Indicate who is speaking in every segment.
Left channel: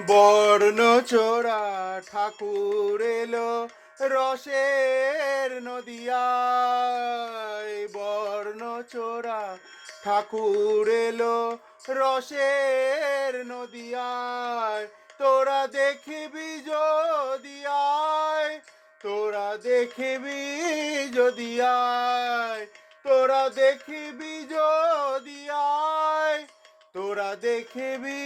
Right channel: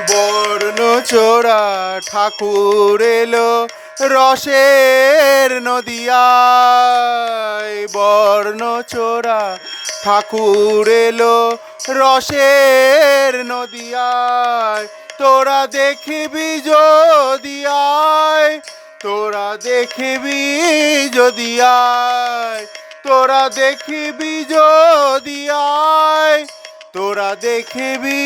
Speaker 1: বর্ণ চোরা ঠাকুর এলো রসের নদিয়ায়। বর্ণ চোরা ঠাকুর এলো রসের নদিয়ায়। তোরা দেখিবি যদি আয় তোরা দেখিবি যদি আয় তোরা দেখিবি যদি আয় তোরা দেখবি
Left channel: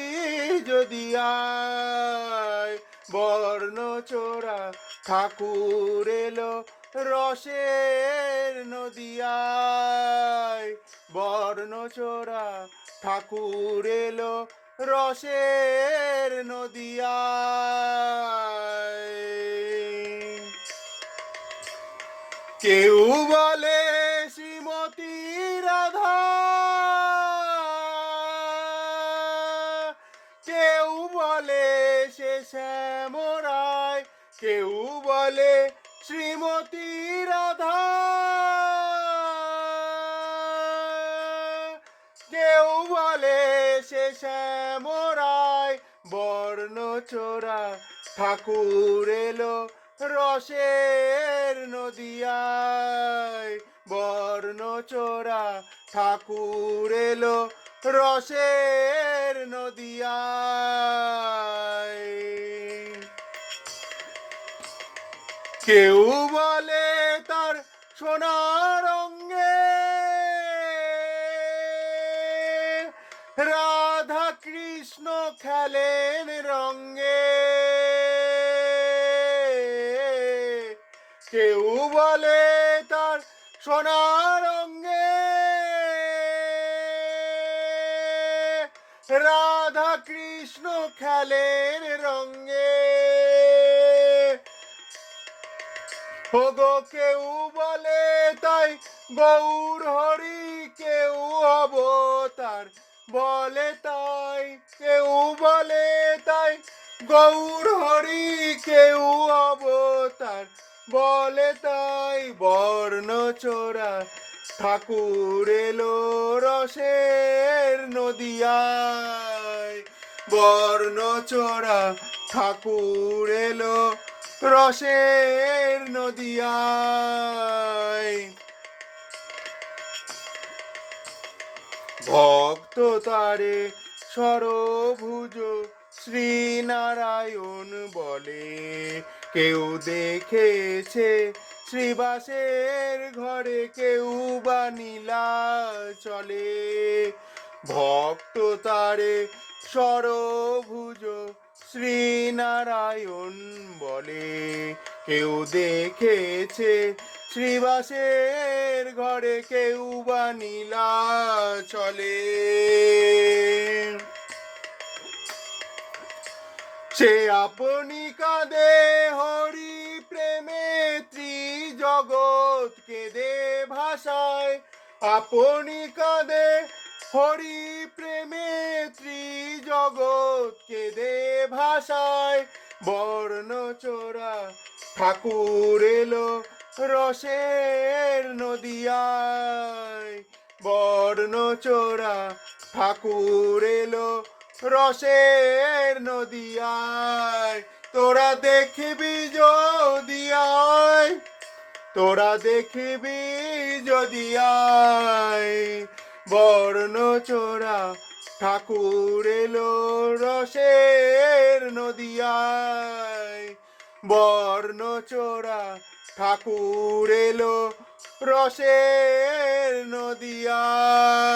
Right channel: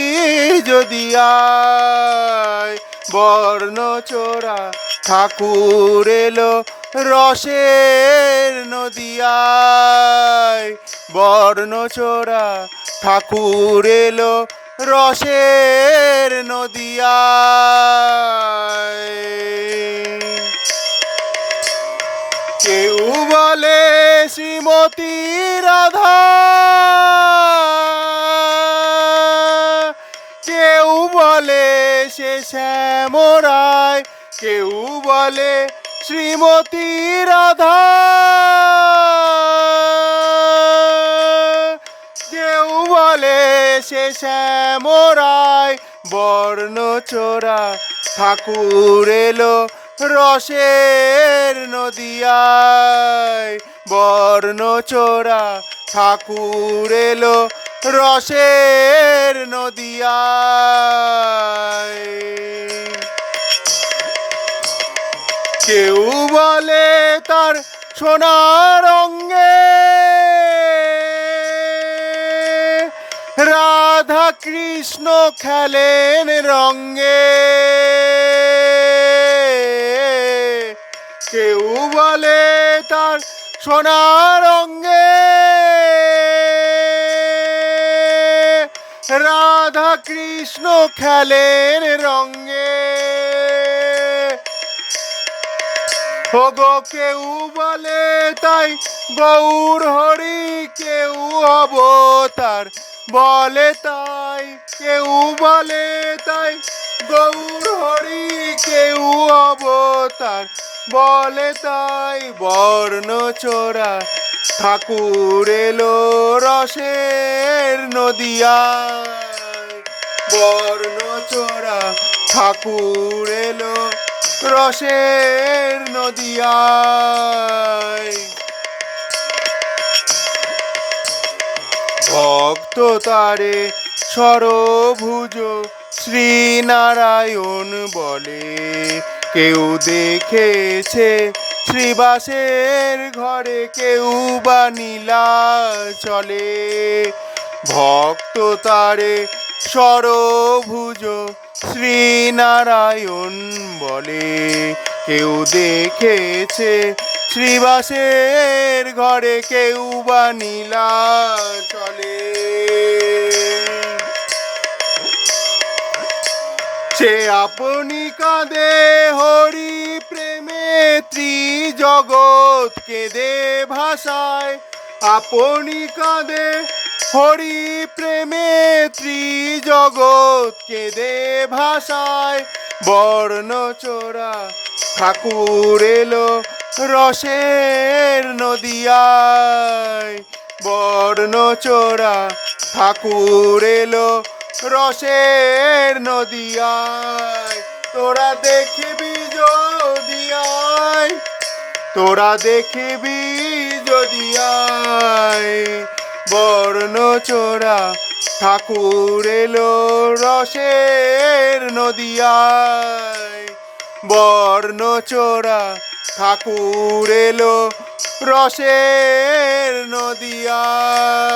Speaker 1: যদি আয় বর্ণ চোরা ঠাকুর এলো রসের নদিয়ায়। বর্ণ চোরা ঠাকুর এলো রসের নদিয়ায়। কেউ বলে শ্রীমতী শ্যামরায় কেউ বলে শ্রীমতী রাধা। কেউ বলে সে শ্যামরায়, বর্ণ চোরা ঠাকুর এলো রসের নদিয়ায়। বর্ণ চোরা ঠাকুর এলো রসের নদিয়ায়। কেউ বলে তার সোনার অঙ্গে রাধা কৃষ্ণ খেলেন রঙ্গে কেউ বলে তার সোনার অঙ্গে রাধা কৃষ্ণ খেলেন রঙ্গে ওগো কেউ বলে তাই গৌর হরি কেউ অবতার বলে তাই কেউ বলে তাই গৌর হরি কেউ অবতার বলে তাই বর্ণ চোরা ঠাকুর এলো রসের নদিয়ায়। বর্ণ চোরা ঠাকুর এলো রসের নদিয়ায়। ভক্ত তারে সরভুজ শ্রীনারায়ণ বলে, কেউ দেখেছে শ্রীবাসের ঘরে, কেউ বা নীলা চলে ভক্ত তারে সরভুজ শ্রীনারায়ণ বলে, কেউ দেখেছে শ্রীবাসের ঘরে, কেউ বা নীলা চলে সে আপনি কাঁদে হরি প্রেমে, ত্রিজগৎ কেঁদে ভাষায়। আপনি কাঁদে হরি প্রেমে ত্রিজগৎ কেঁদে ভাষায় বর্ণ চোরা। ঠাকুর এলো রসের নদিয়ায়। বর্ণ চোরা, ঠাকুর এলো রসের নদিয়ায়। তোরা দেখবি যদি তোরা দেখবি যদি আয় বর্ণ চোরা ঠাকুর এলো রসের নদিয়ায় বর্ণ চোরা ঠাকুর এলো রসের নদিয়ায়।